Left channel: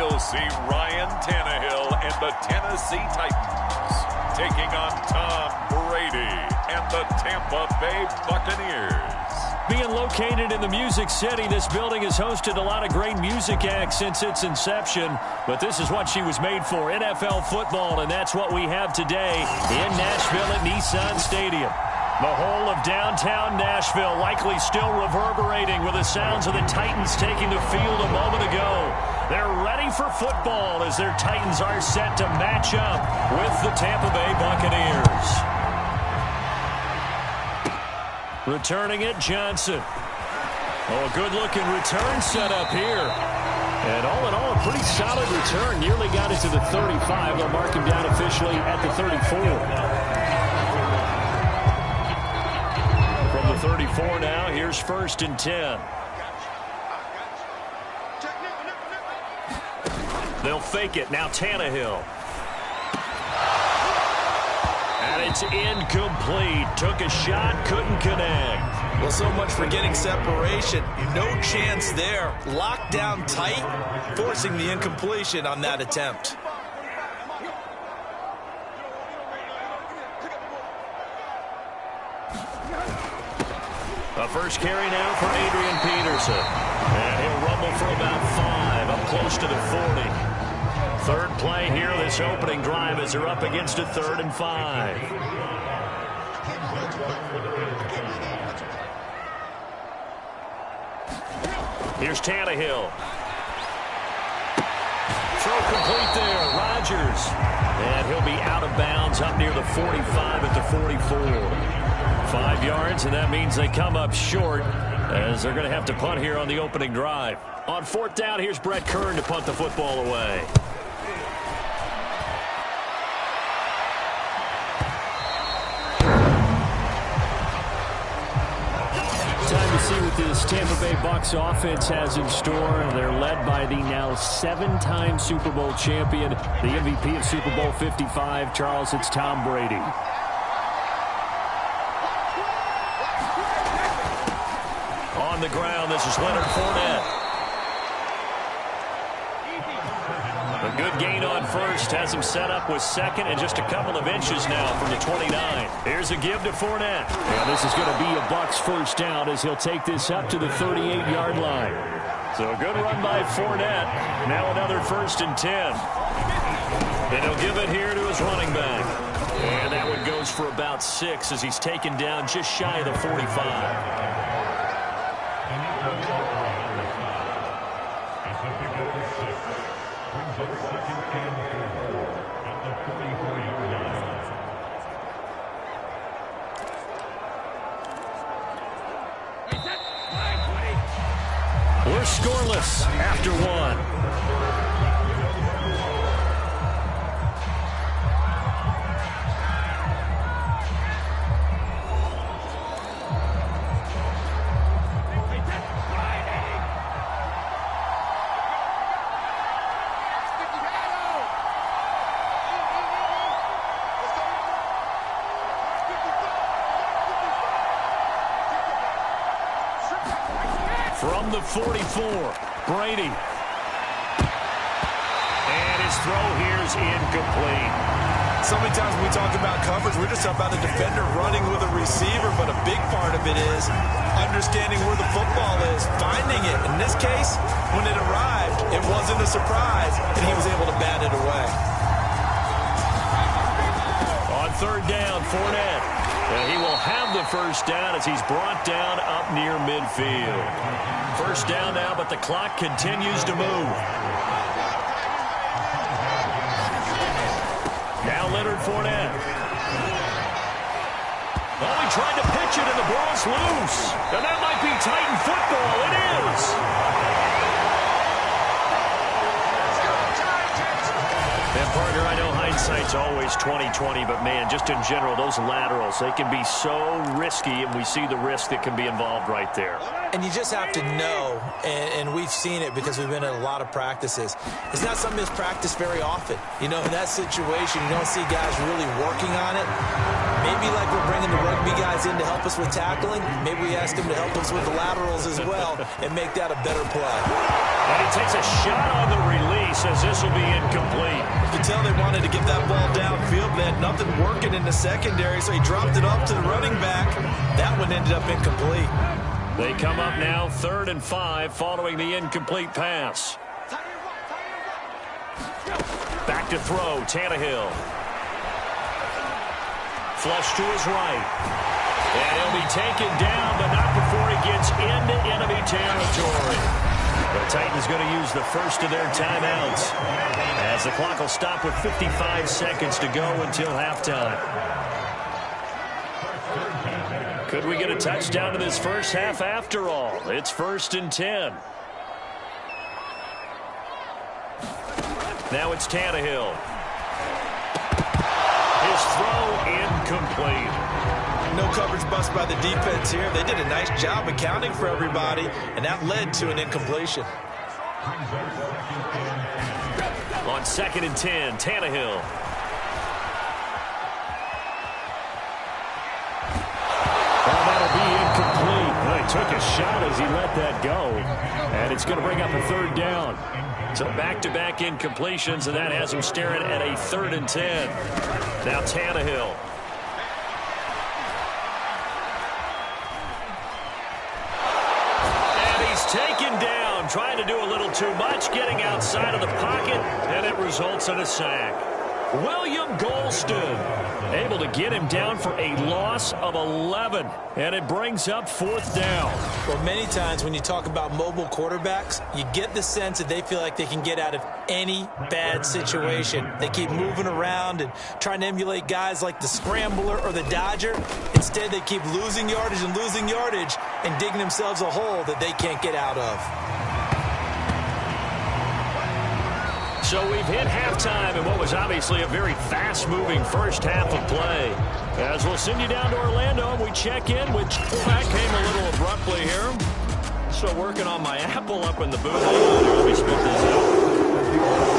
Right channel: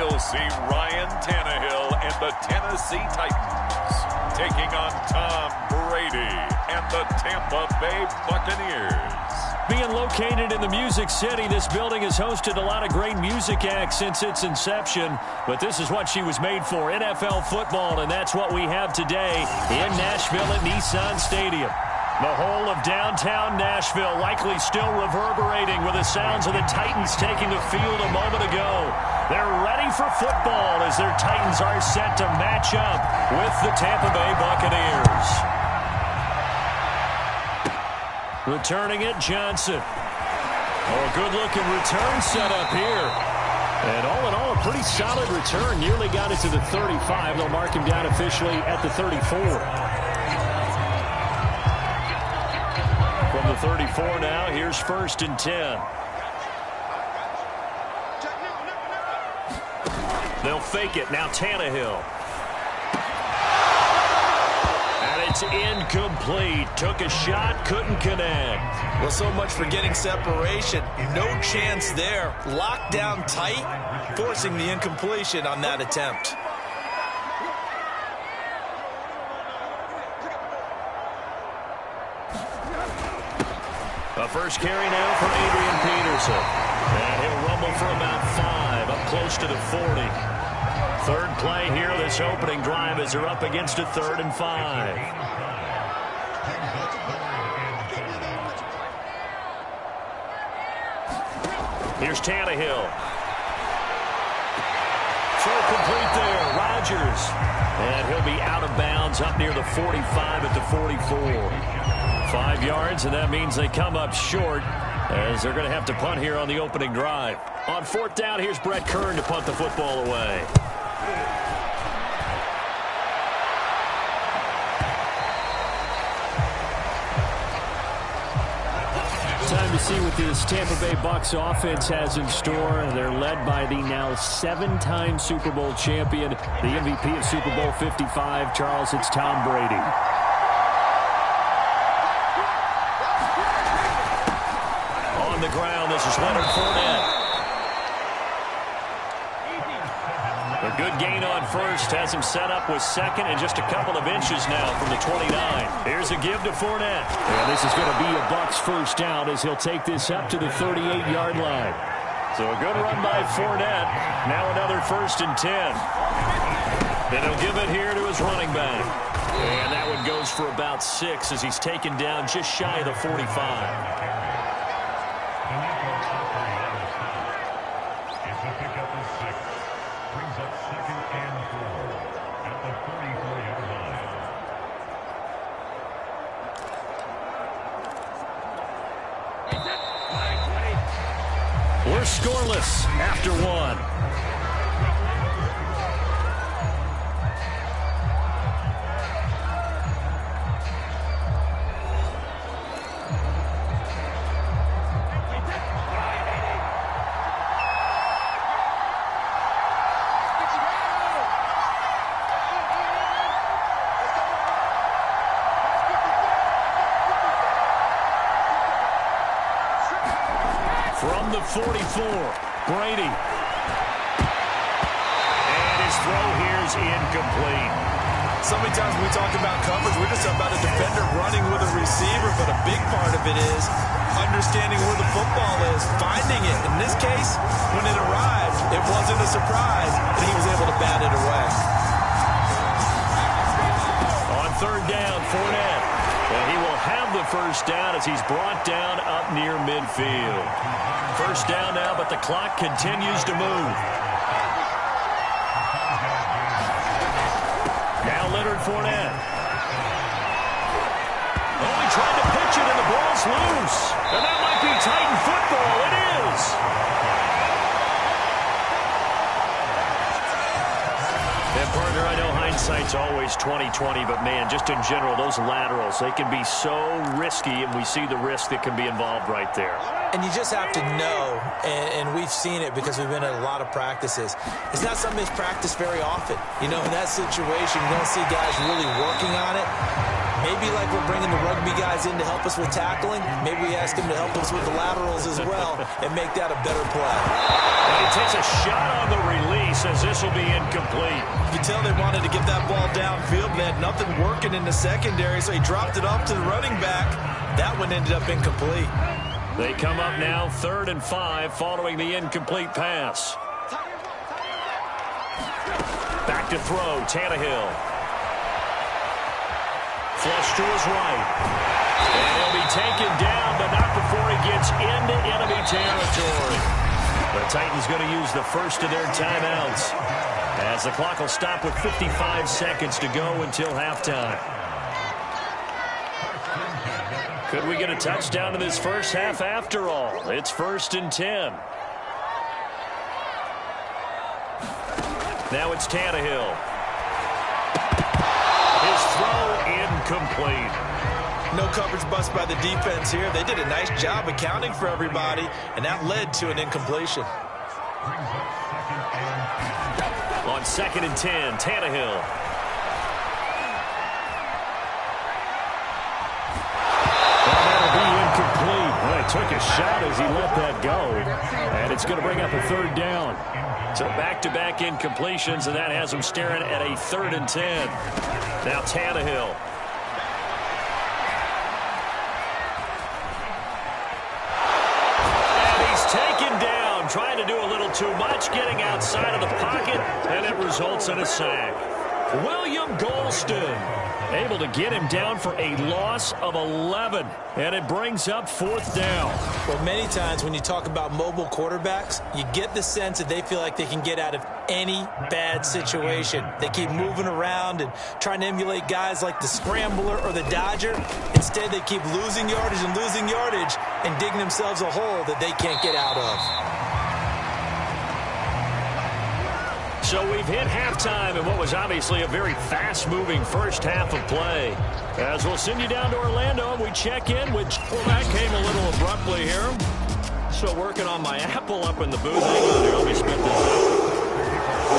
we'll see Ryan Tannehill and the Tennessee Titans taking on Tom Brady and the Tampa Bay Buccaneers. Being located in the Music City, this building has hosted a lot of great music acts since its inception, but this is what she was made for, NFL football, and that's what we have today in Nashville at Nissan Stadium. The whole of downtown Nashville likely still reverberating with the sounds of the Titans taking the field a moment ago. They're ready for football as their Titans are set to match up with the Tampa Bay Buccaneers. Returning it, Johnson. Oh, a good-looking return set up here. And all in all, a pretty solid return. Nearly got it to the 35. They'll mark him down officially at the 34. From the 34 now, here's 1st and 10. They'll fake it. Now Tannehill. And it's incomplete. Took a shot, couldn't connect. Well, so much for getting separation. No chance there. Locked down tight, forcing the incompletion on that attempt. A first carry now for Adrian Peterson. And he'll rumble for about 5, up close to the 40. Third play here, this opening drive as they're up against a 3rd and 5. Here's Tannehill. Throw complete there, Rodgers. And he'll be out of bounds up near the 45 at the 44. 5 yards, and that means they come up short as they're going to have to punt here on the opening drive. On 4th down, here's Brett Kern to punt the football away. Time to see what this Tampa Bay Bucs offense has in store. They're led by the now 7-time Super Bowl champion, the MVP of Super Bowl 55. Charles, it's Tom Brady. On the ground, this is Leonard Fournette. A good gain on first, has him set up with 2nd and just a couple of inches now from the 29. Here's a give to Fournette. And this is going to be a Bucs first down as he'll take this up to the 38-yard line. So a good run by Fournette. Now another 1st and 10. And he'll give it here to his running back. And that one goes for about 6 as he's taken down just shy of the 45. We're scoreless after 1. From the 44, Brady. And his throw here's incomplete. So many times when we talk about coverage, we're just about a defender running with a receiver, but a big part of it is understanding where the football is, finding it. In this case, when it arrived, it wasn't a surprise, and he was able to bat it away. On 3rd down, Fournette. And he will have the first down as he's brought down up near midfield. First down now, but the clock continues to move. Now Leonard Fournette. Oh, he tried to pitch it, and the ball's loose. And that might be Titan football. It is. And, partner, I know hindsight's always 20/20, but, man, just in general, those laterals, they can be so risky, and we see the risk that can be involved right there. And you just have to know, and we've seen it because we've been at a lot of practices. It's not something that's practiced very often. You know, in that situation, you don't see guys really working on it. Maybe like we're bringing the rugby guys in to help us with tackling. Maybe we ask them to help us with the laterals as well and make that a better play. And he takes a shot on the release as this will be incomplete. You can tell they wanted to get that ball downfield, but they had nothing working in the secondary, so he dropped it off to the running back. That one ended up incomplete. They come up now 3rd and 5 following the incomplete pass. Back to throw, Tannehill. Flush to his right. And he'll be taken down, but not before he gets into enemy territory. The Titans going to use the first of their timeouts as the clock will stop with 55 seconds to go until halftime. Could we get a touchdown in this first half after all? It's 1st and 10. Now it's Tannehill. His throw incomplete. No coverage bust by the defense here. They did a nice job accounting for everybody, and that led to an incompletion. On 2nd and 10, Tannehill. That'll be incomplete. Well, he took a shot as he let that go. And it's going to bring up a 3rd down. So back-to-back incompletions, and that has him staring at a 3rd and 10. Now Tannehill. And he's taken down, trying to do a little too much, getting outside of the pocket, and it results in a sack. William Golston able to get him down for a loss of 11, and it brings up 4th down. Well, many times when you talk about mobile quarterbacks, you get the sense that they feel like they can get out of any bad situation. They keep moving around and trying to emulate guys like the Scrambler or the Dodger. Instead, they keep losing yardage and digging themselves a hole that they can't get out of. So we've hit halftime in what was obviously a very fast-moving first half of play. As we'll send you down to Orlando, and we check in with... Well, that came a little abruptly here. So working on my Apple up in the booth. Hang on here, let me spit this out.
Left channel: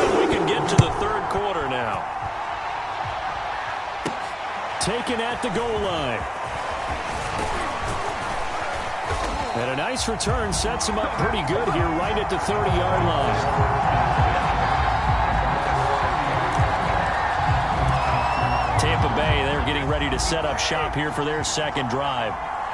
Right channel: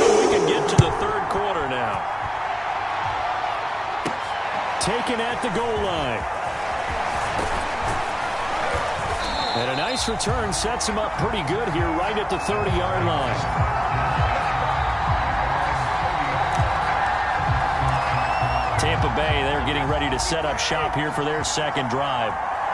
And we can get to the 3rd quarter now. Taken at the goal line. And a nice return sets him up pretty good here right at the 30-yard line. Tampa Bay, they're getting ready to set up shop here for their 2nd drive.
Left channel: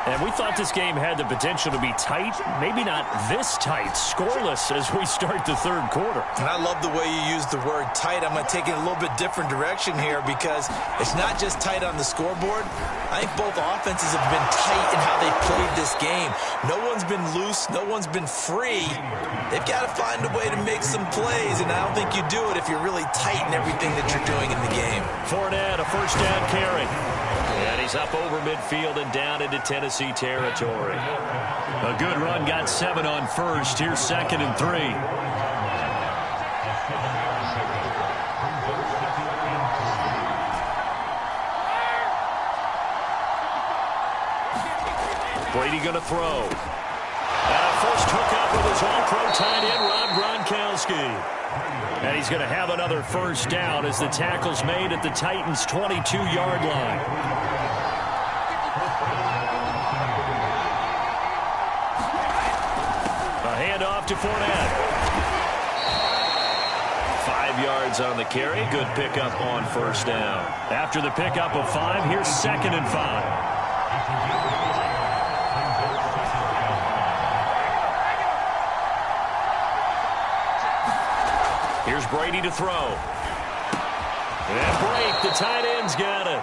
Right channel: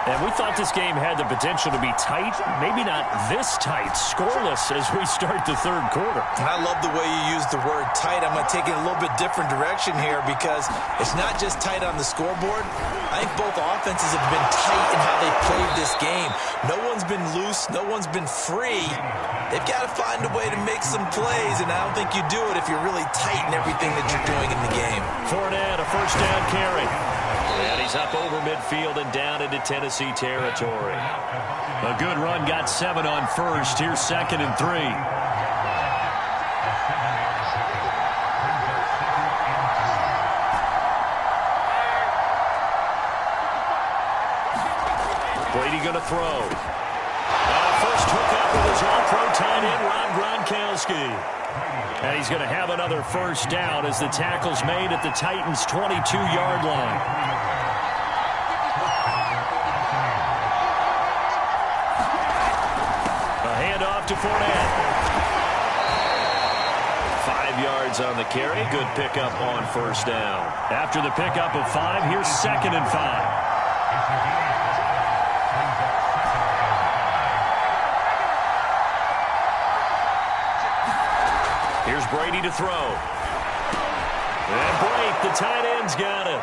And we thought this game had the potential to be tight, maybe not this tight, scoreless as we start the 3rd quarter. And I love the way you use the word tight. I'm going to take it a little bit different direction here because it's not just tight on the scoreboard. I think both offenses have been tight in how they've played this game. No one's been loose. No one's been free. They've got to find a way to make some plays, and I don't think you do it if you're really tight in everything that you're doing in the game. Fournette, a 1st down carry. And he's up over midfield and down into Tennessee territory. A good run, got 7 on 1st. Here's 2nd and 3. Brady going to throw. And a first hookup with his all-pro tight end, Rob Gronkowski. And he's going to have another 1st down as the tackle's made at the Titans' 22-yard line. A handoff to Fournette. 5 yards on the carry. Good pickup on 1st down. After the pickup of 5, here's 2nd and 5. Here's Brady to throw. And break, the tight end's got it.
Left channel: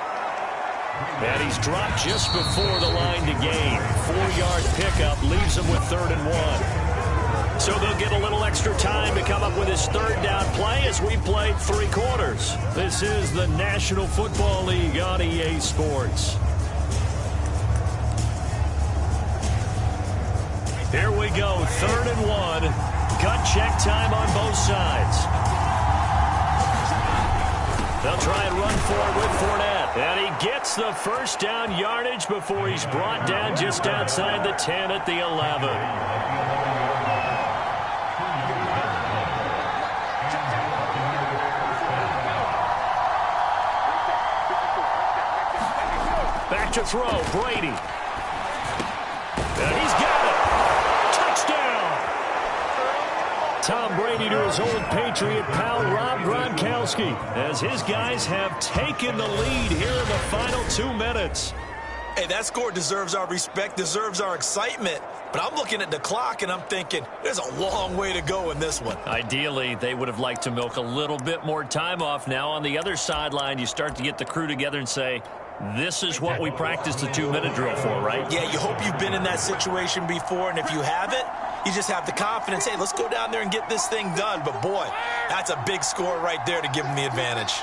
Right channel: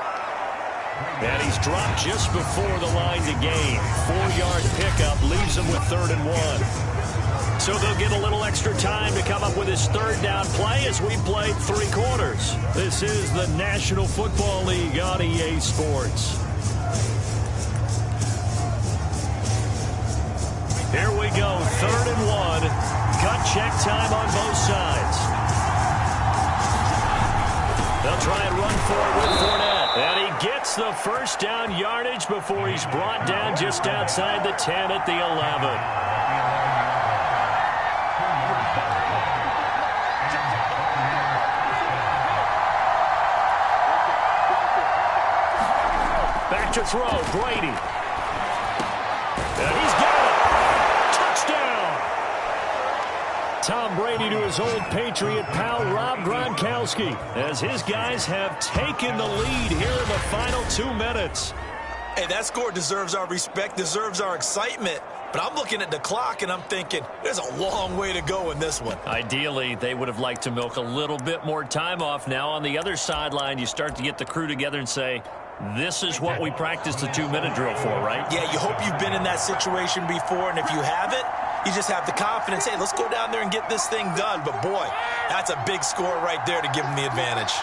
And he's dropped just before the line to gain. 4-yard pickup leaves him with 3rd and 1. So they'll get a little extra time to come up with his 3rd down play as we played 3 quarters. This is the National Football League on EA Sports. Here we go, 3rd and 1. Gut check time on both sides. They'll try and run for it with Fournette. And he gets the first down yardage before he's brought down just outside the 10 at the 11. Back to throw, Brady. And he's got it. Touchdown. Tom Brady to his old Patriot pal, Rob Gronkowski, as his guys have taken the lead here in the final 2 minutes. Hey, that score deserves our respect, deserves our excitement. But I'm looking at the clock, and I'm thinking there's a long way to go in this one. Ideally, they would have liked to milk a little bit more time off. Now, on the other sideline, you start to get the crew together and say, this is what we practiced the 2-minute drill for, right? Yeah, you hope you've been in that situation before, and if you haven't, you just have the confidence, hey, let's go down there and get this thing done. But, boy, that's a big score right there to give them the advantage.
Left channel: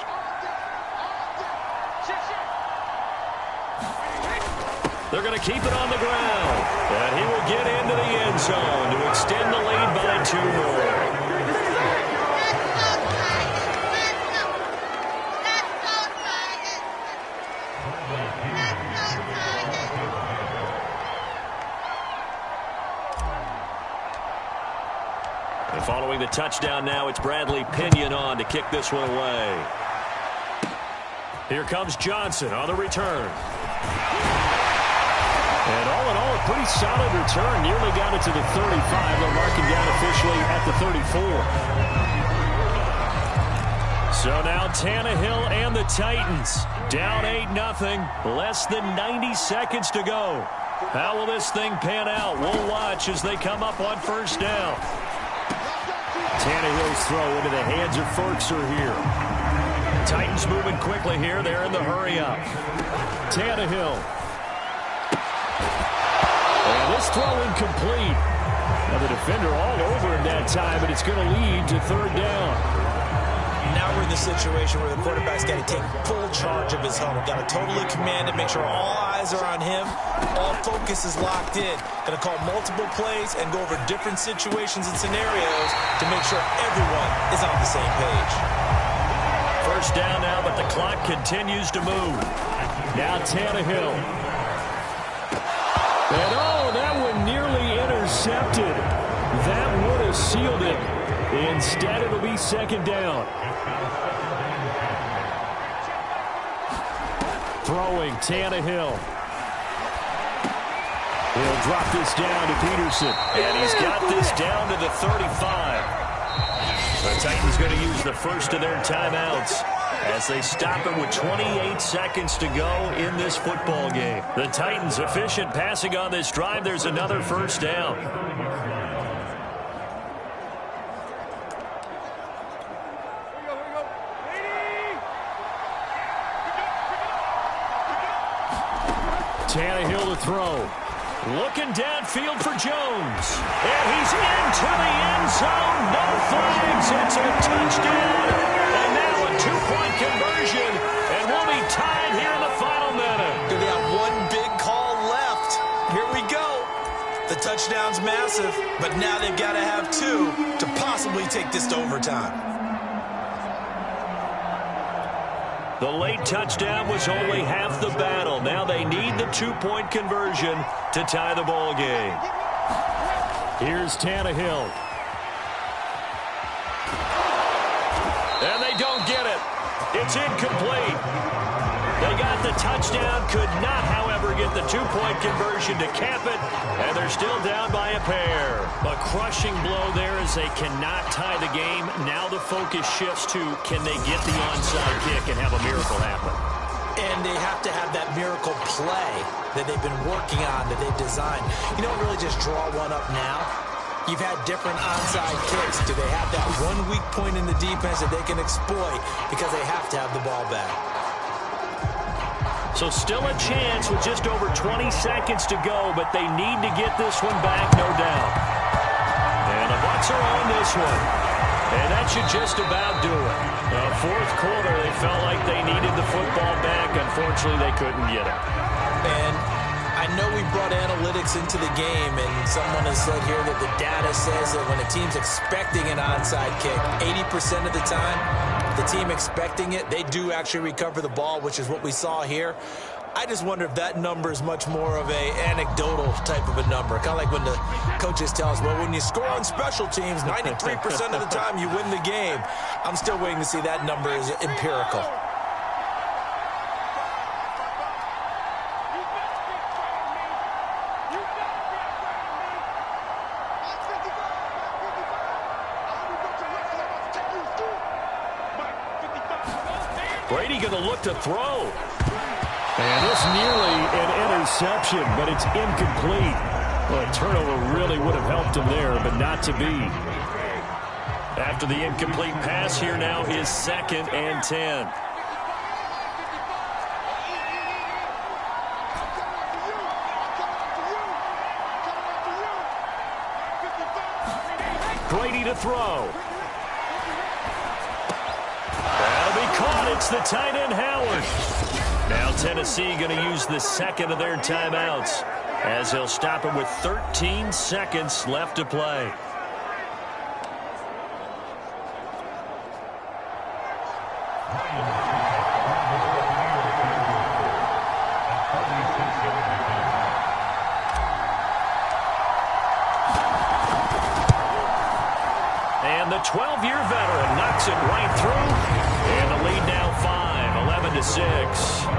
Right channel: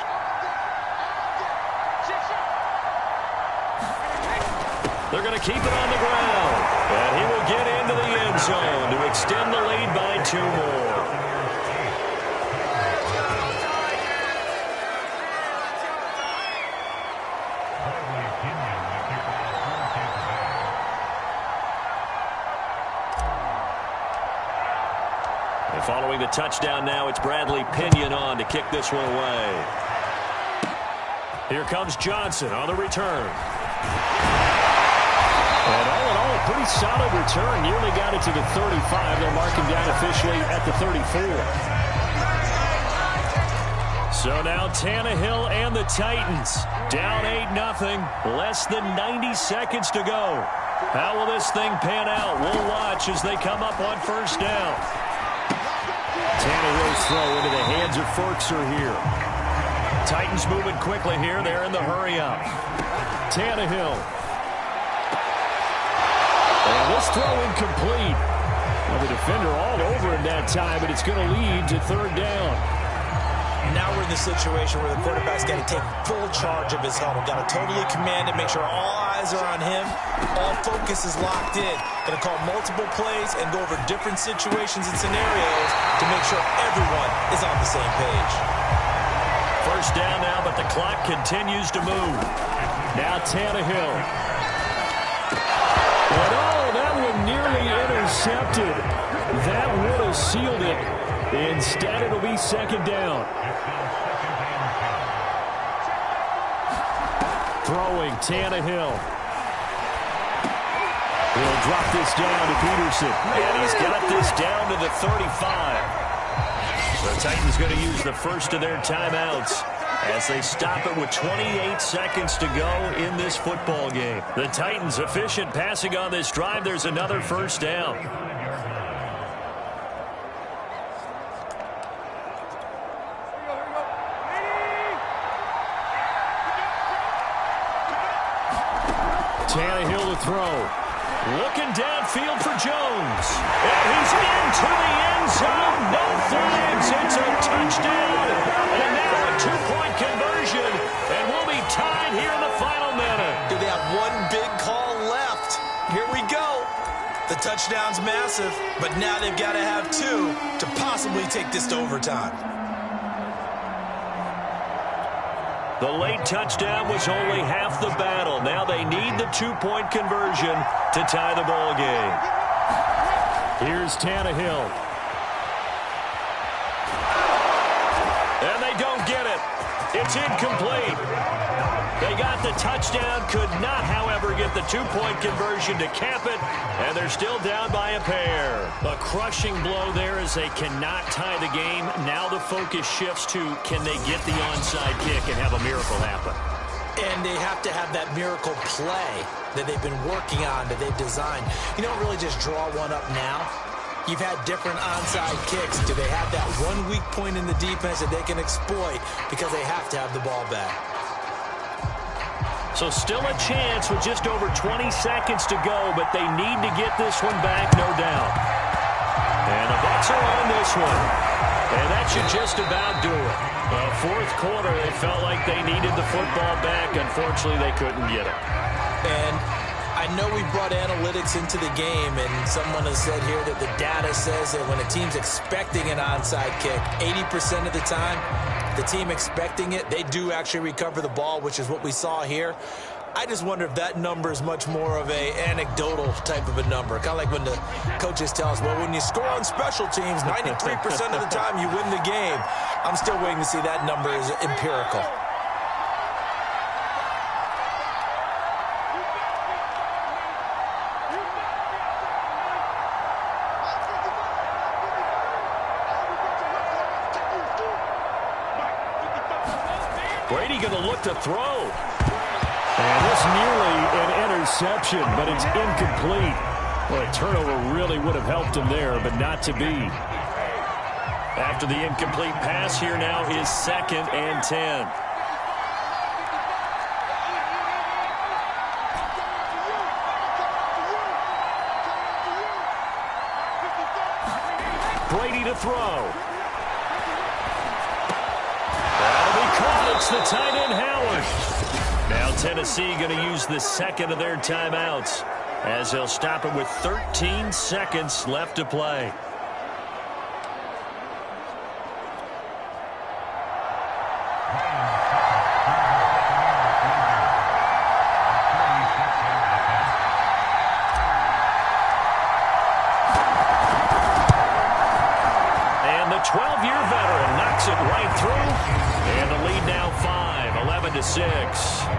They're going to keep it on the ground. And he will get into the end zone to extend the lead by 2 more. And following the touchdown now, it's Bradley Pinion on to kick this one away. Here comes Johnson on the return. And all in all, a pretty solid return. Nearly got it to the 35. They'll mark him down officially at the 34. So now Tannehill and the Titans down 8-0. Less than 90 seconds to go. How will this thing pan out? We'll watch as they come up on first down. Tannehill's throw into the hands of Ferkser here. Titans moving quickly here. They're in the hurry-up. Tannehill. And this throw incomplete. Now the defender all over him that time, but it's going to lead to 3rd down. Now we're in the situation where the quarterback's got to take full charge of his huddle. Got to totally command it, make sure all eyes are on him. All focus is locked in. Going to call multiple plays and go over different situations and scenarios to make sure everyone is on the same page. First down now, but the clock continues to move. Now Tannehill. And oh, that one nearly intercepted. That would have sealed it. Instead, it'll be 2nd down. Throwing Tannehill. He'll drop this down to Peterson. And he's got this down to the 35. The Titans going to use the first of their timeouts as they stop it with 28 seconds to go in this football game. The Titans efficient passing on this drive. There's another first down. Tannehill to throw. Looking downfield for Jones. And he's into the end zone. No flags. It's a touchdown. And now a 2-point conversion. And we'll be tied here in the final minute. Do they have one big call left? Here we go. The touchdown's massive, but now they've got to have 2 to possibly take this to overtime. The late touchdown was only half the battle. Now they need the 2-point conversion to tie the ball game. Here's Tannehill. And they don't get it. It's incomplete. They got the touchdown, could not, however, get the 2-point conversion to cap it, and they're still down by a pair. A crushing blow there as they cannot tie the game. Now the focus shifts to, can they get the onside kick and have a miracle happen? And they have to have that miracle play that they've been working on, that they've designed. You don't really just draw one up now. You've had different onside kicks. Do they have that one weak point in the defense that they can exploit because they have to have the ball back? So still a chance with just over 20 seconds to go, but they need to get this one back, no doubt. And the Bucs are on this one. And that should just about do it. The 4th quarter, they felt like they needed the football back. Unfortunately, they couldn't get it. And I know we brought analytics into the game, and someone has said here that the data says that when a team's expecting an onside kick, 80% of the time, the team expecting it, they do actually recover the ball, which is what we saw here. I just wonder if that number is much more of a anecdotal type of a number. Kind of like when the coaches tell us, well, when you score on special teams, 93% of the time you win the game. I'm still waiting to see that number is empirical. Brady going to look to throw. And this nearly an interception, but it's incomplete. Well, a turnover really would have helped him there, but not to be. After the incomplete pass, here now is 2nd and 10. Brady to throw. That'll be caught. It's the tight end, Howard. Now Tennessee going to use the second of their timeouts as they'll stop it with 13 seconds left to play. And the 12-year veteran knocks it right through. And the lead now 5, 11-6.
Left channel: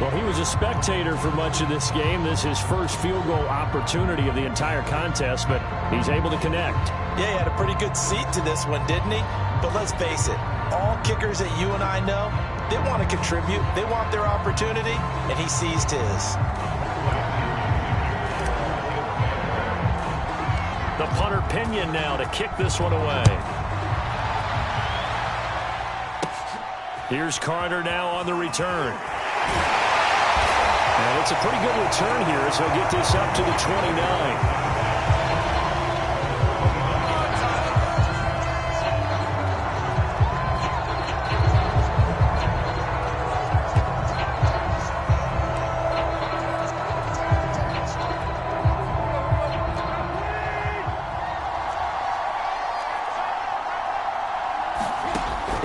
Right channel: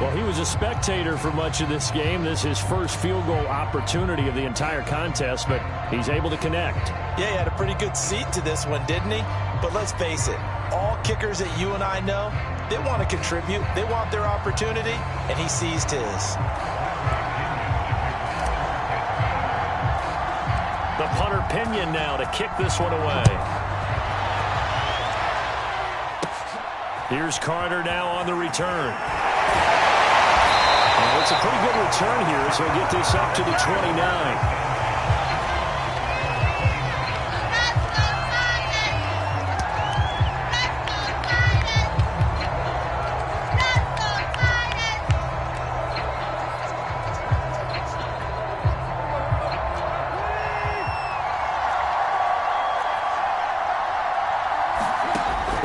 Well, he was a spectator for much of this game. This is his first field goal opportunity of the entire contest, but he's able to connect. Yeah, he had a pretty good seat to this one, didn't he? But let's face it, all kickers that you and I know, they want to contribute. They want their opportunity, and he seized his. The punter Pinion now to kick this one away. Here's Carter now on the return. And it's a pretty good return here, so he'll get this up to the 29.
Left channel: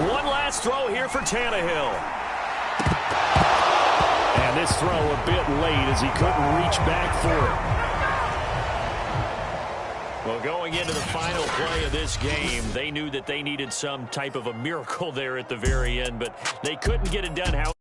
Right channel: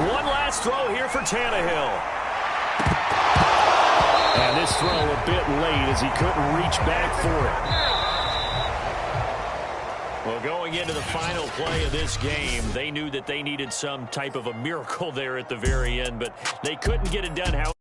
One last throw here for Tannehill. And this throw a bit late as he couldn't reach back for it. Well, going into the final play of this game, they knew that they needed some type of a miracle there at the very end, but they couldn't get it done.